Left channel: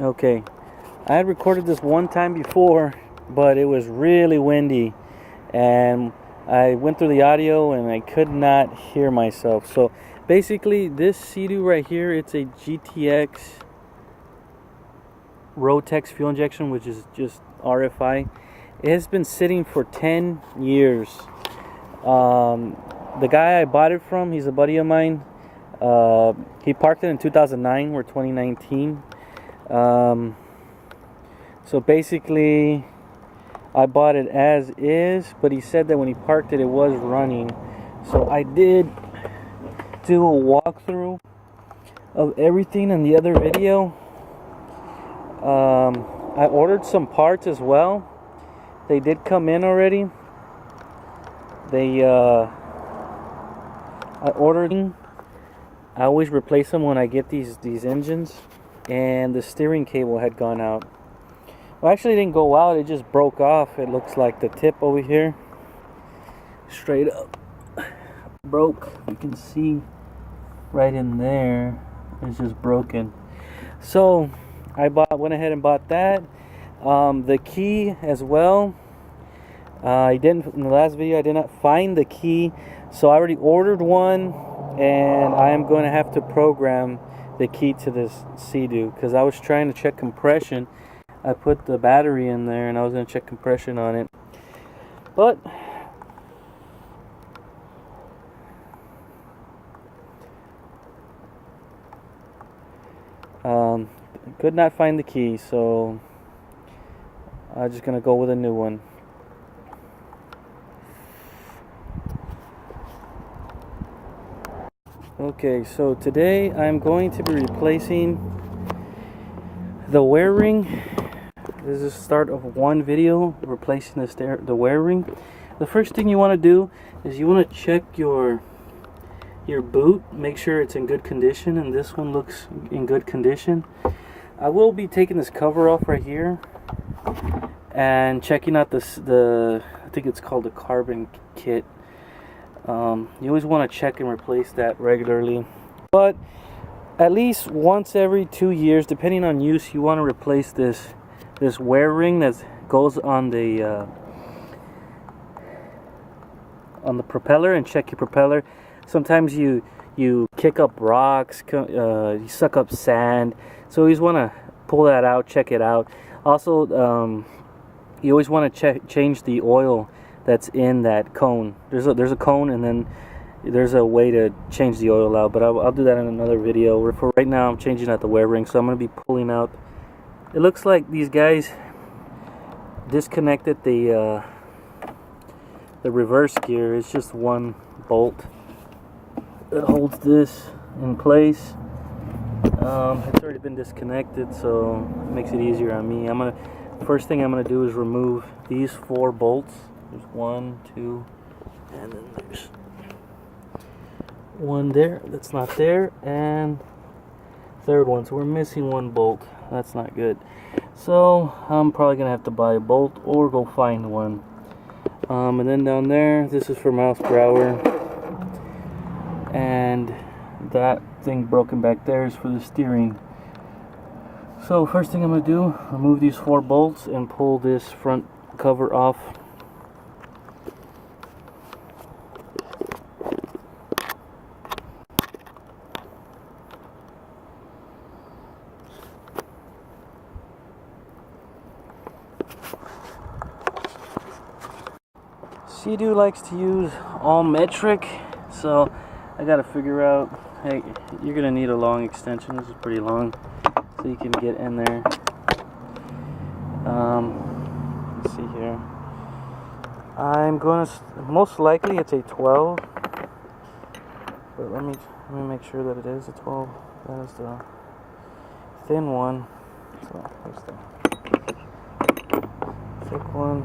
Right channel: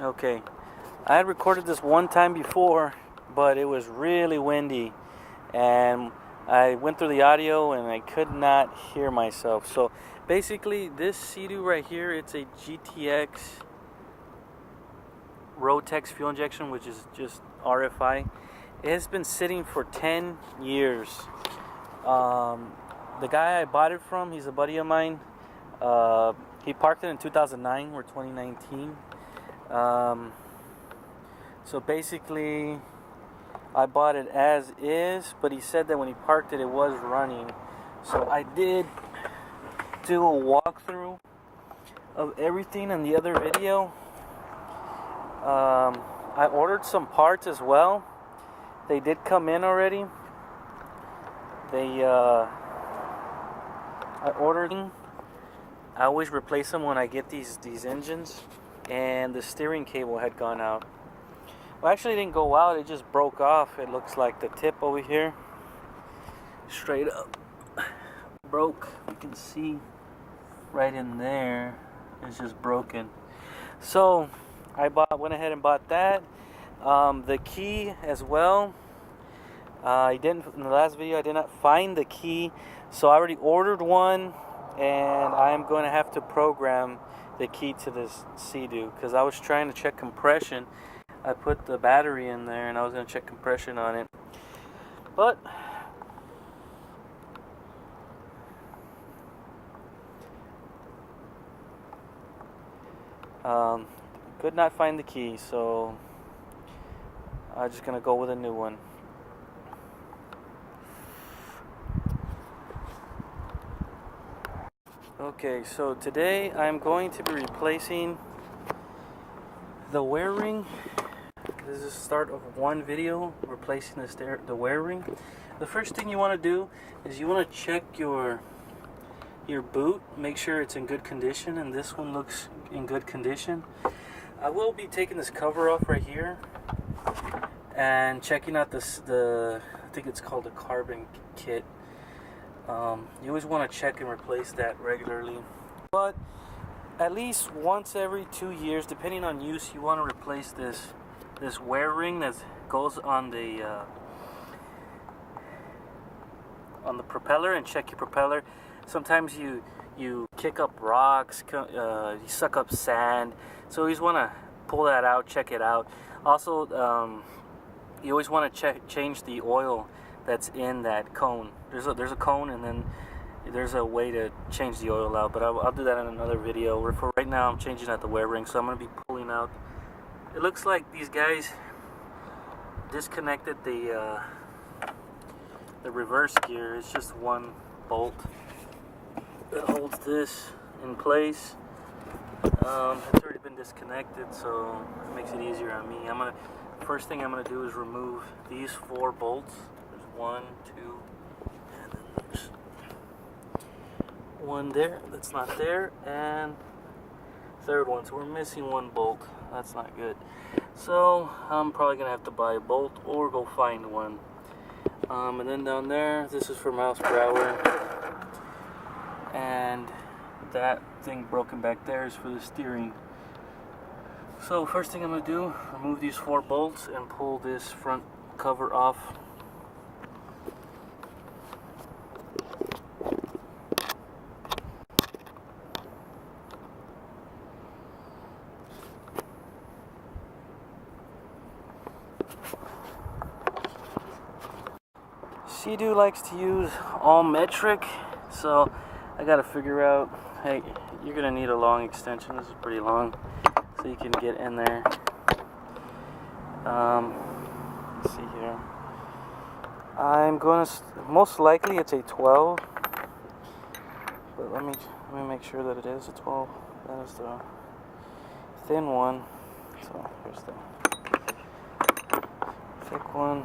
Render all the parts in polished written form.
Okay, I had recorded this one time before, but it was really windy, and I went through the audio and I could not hear myself. So basically, this Seadoo right here, it's a GTX Rotex fuel injection, which is just RFI. It has been sitting for 10 years. The guy I bought it from, he's a buddy of mine. He parked it in 2009. We're 2019. So basically, I bought it as is, but he said that when he parked it, it was running. So I did do a walkthrough of everything in the other video. I ordered some parts as well. They did come in already. I ordered. I always replace them when I get these engines, and the steering cable had gone out. Well, actually, it didn't go out. It just broke off. It looks like the tip over here, straight up, broke. You can see right in there. It's just broken. So I went ahead and bought that. The key as well. In the last video I did not find the key, so I already ordered one, and I am going to have to program the key to this Seadoo, because I was trying to check compression. I put the battery in there and I was going to check compression on it, but could not find the key, so I'm just going to go with a new one. Okay, so today I'm going to be replacing the wear ring. This is the start of one video, replacing the wear ring. The first thing you want to do is you want to check your boot, make sure it's in good condition, and this one looks in good condition. I will be taking this cover off right here and checking out the I think it's called the carbon kit. You always want to check and replace that regularly, but at least once every 2 years, depending on use, you want to replace this wear ring that goes on the propeller, and check your propeller. Sometimes you kick up rocks, you suck up sand, so you always want to pull that out, check it out. Also, you always want to change the oil that's in that cone. There's a cone, and then there's a way to change the oil out, but I'll do that in another video. For right now, I'm changing out the wear ring, so I'm going to be pulling out. It looks like these guys disconnected the reverse gear. It's just one bolt that holds this in place. It's already been disconnected, so it makes it easier on me. First thing I'm gonna do is remove these 4 bolts. There's 1, 2, and then there's one there that's not there, and third one. So we're missing 1 bolt. That's not good. So I'm probably gonna have to buy a bolt or go find one. And then down there, this is for miles per hour, and that thing broken back there is for the steering. So first thing I'm gonna do, remove these 4 bolts and pull this front cover off. Seadoo likes to use all metric, so I gotta figure out, hey, you're gonna need a long extension. This is pretty long, so you can get in there. Let's see here. I'm gonna, most likely it's a 12, but let me make sure that it is a 12. That is the thin one. So here's the thick one.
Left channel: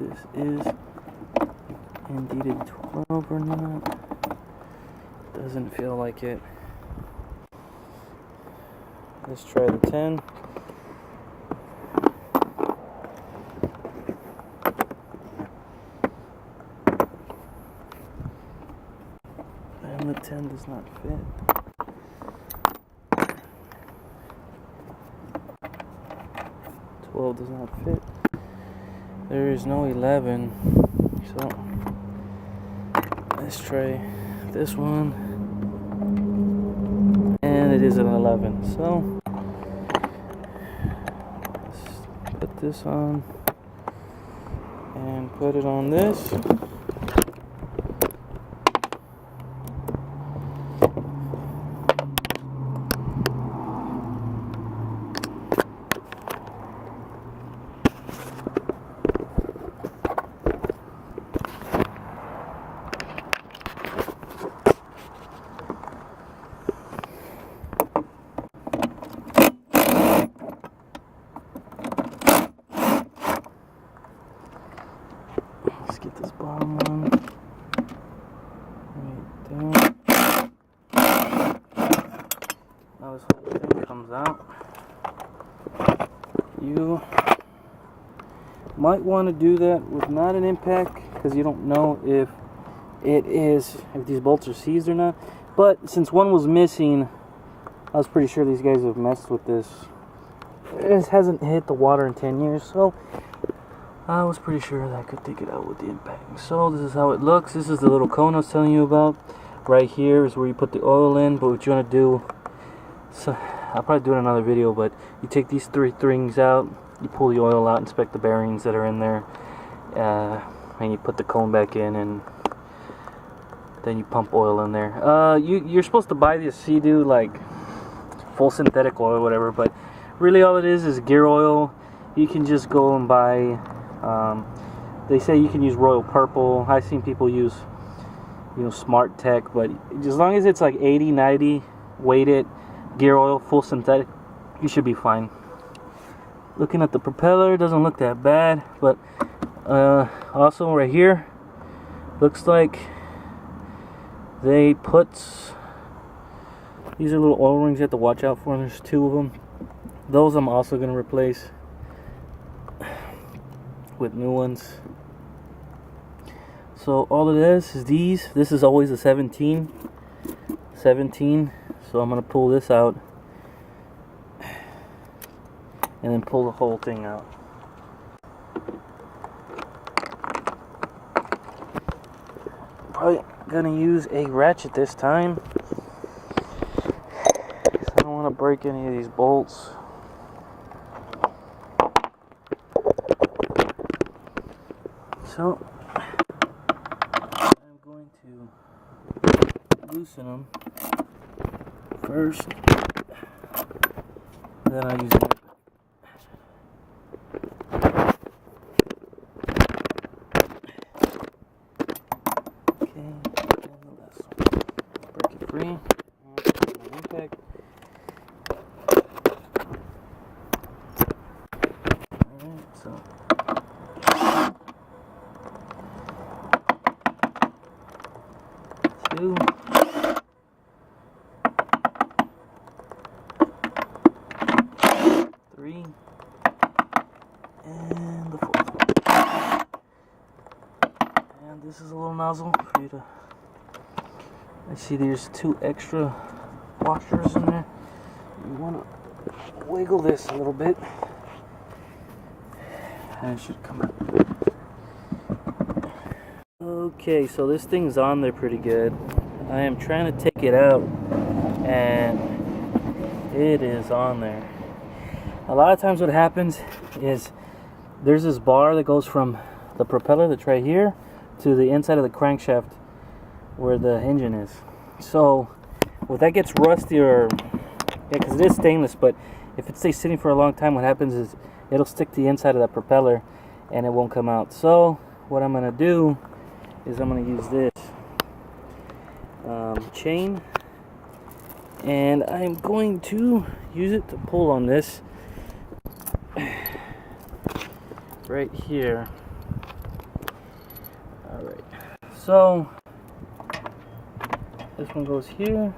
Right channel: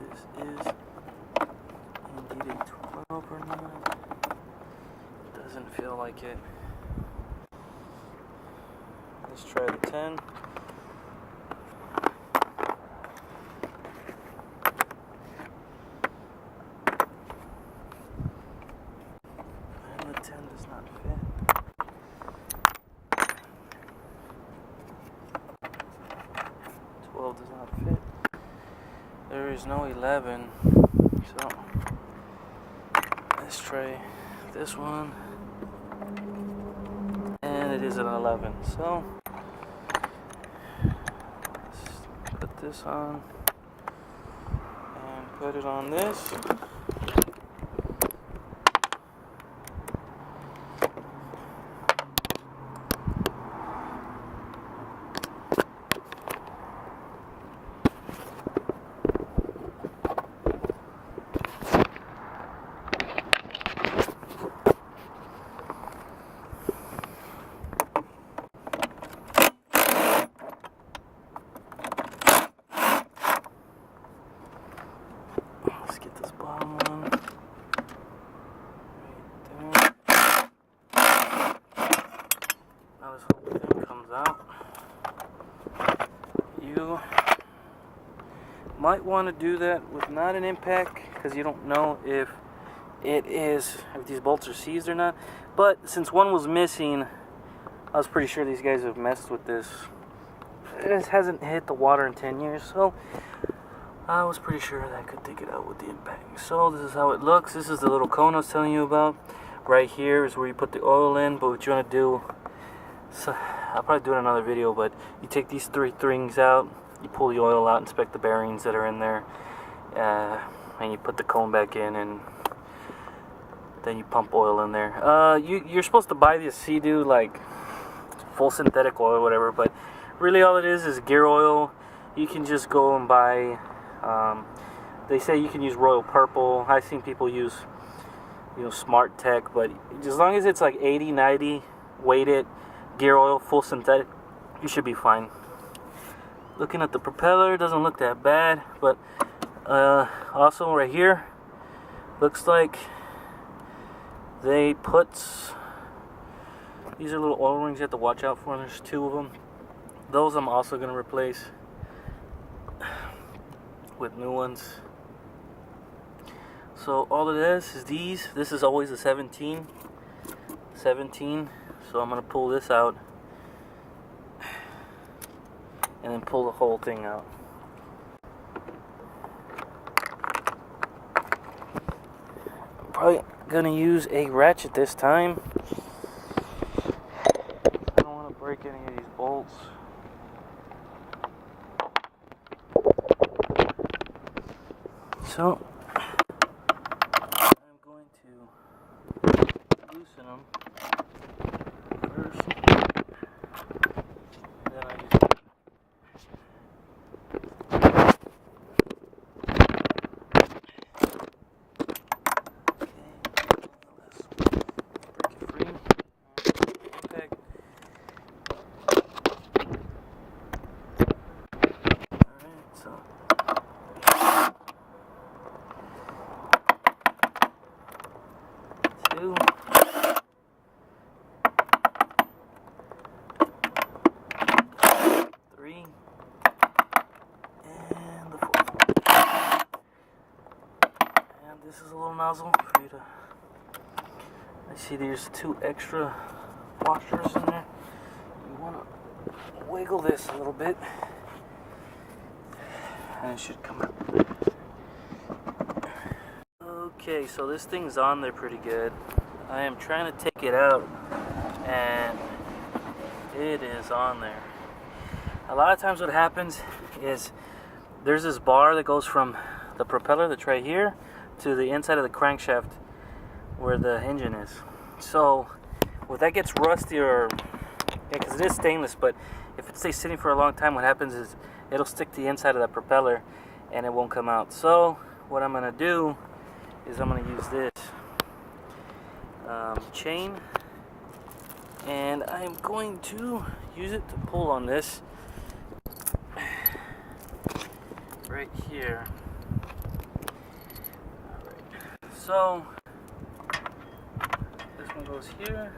This is indeed a 12 or not. Doesn't feel like it. Let's try the 10. the 10 does not fit. Does not fit. There is no 11, so let's try this one, and it is an 11. So let's put this on and put it on this. Let's get this bottom one right there. Now this whole thing comes out. You might want to do that with not an impact, because you don't know if these bolts are seized or not. But since one was missing, I was pretty sure these guys have messed with this. It hasn't hit the water in 10 years, so I was pretty sure that I could take it out with the impact. So this is how it looks. This is the little cone I was telling you about. Right here is where you put the oil in, but what you want to do, so I'll probably do it in another video, but you take these 3 rings out, you pull the oil out, inspect the bearings that are in there, and you put the cone back in, and then you pump oil in there. You're supposed to buy this Seadoo, like full synthetic oil or whatever, but really all it is gear oil. You can just go and buy, they say you can use Royal Purple. I've seen people use, Smart Tech, but as long as it's like 80, 90 weighted gear oil, full synthetic, you should be fine. Looking at the propeller, doesn't look that bad, but also right here, looks like they put, these are little oil rings you have to watch out for, and there's 2 of them. Those I'm also going to replace with new ones. So all it is these. This is always a 17. So I'm going to pull this out and then pull the whole thing out. Probably going to use a ratchet this time. I don't want to break any of these bolts. So I'm going to loosen them first, then I use it. Okay, and the last one. Break it free. My impact. Alright, so 2, 3, and the 4th. And this is a little nozzle for you to, I see there's 2 extra washers in there. You want to wiggle this a little bit, and it should come out. Okay, so this thing's on there pretty good. I am trying to take it out, and it is on there. A lot of times what happens is there's this bar that goes from the propeller that's right here to the inside of the crankshaft where the engine is. So if that gets rusty, or because it is stainless, but if it stays sitting for a long time, what happens is it'll stick to the inside of that propeller and it won't come out. So what I'm going to do is I'm going to use this chain, and I'm going to use it to pull on this right here. Alright, so this one goes here,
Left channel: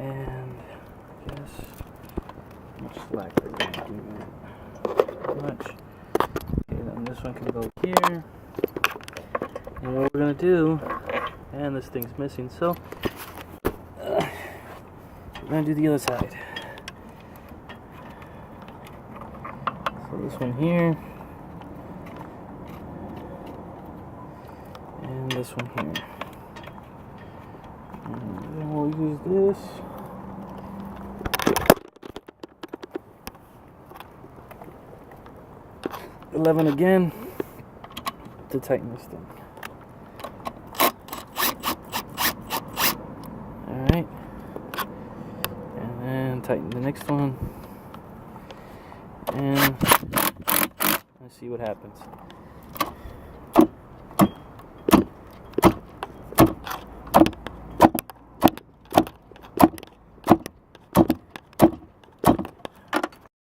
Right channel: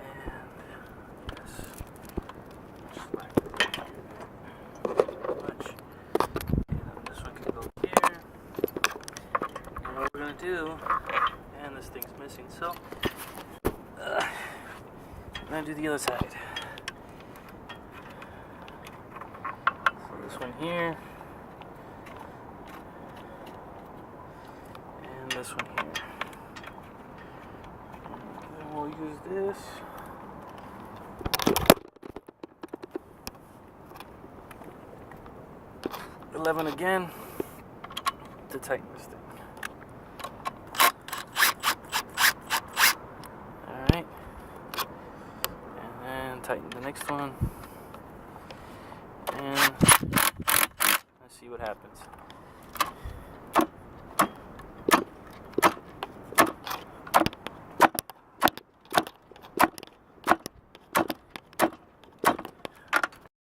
and I guess how much slack are we going to give it? How much? Okay, then this one can go here. And what we're going to do and this thing's missing. So we're gonna do the other side. So this one here, and this one here, and then we'll use this. $11 again to tighten this thing. Alright, and then tighten the next one, and let's see what happens.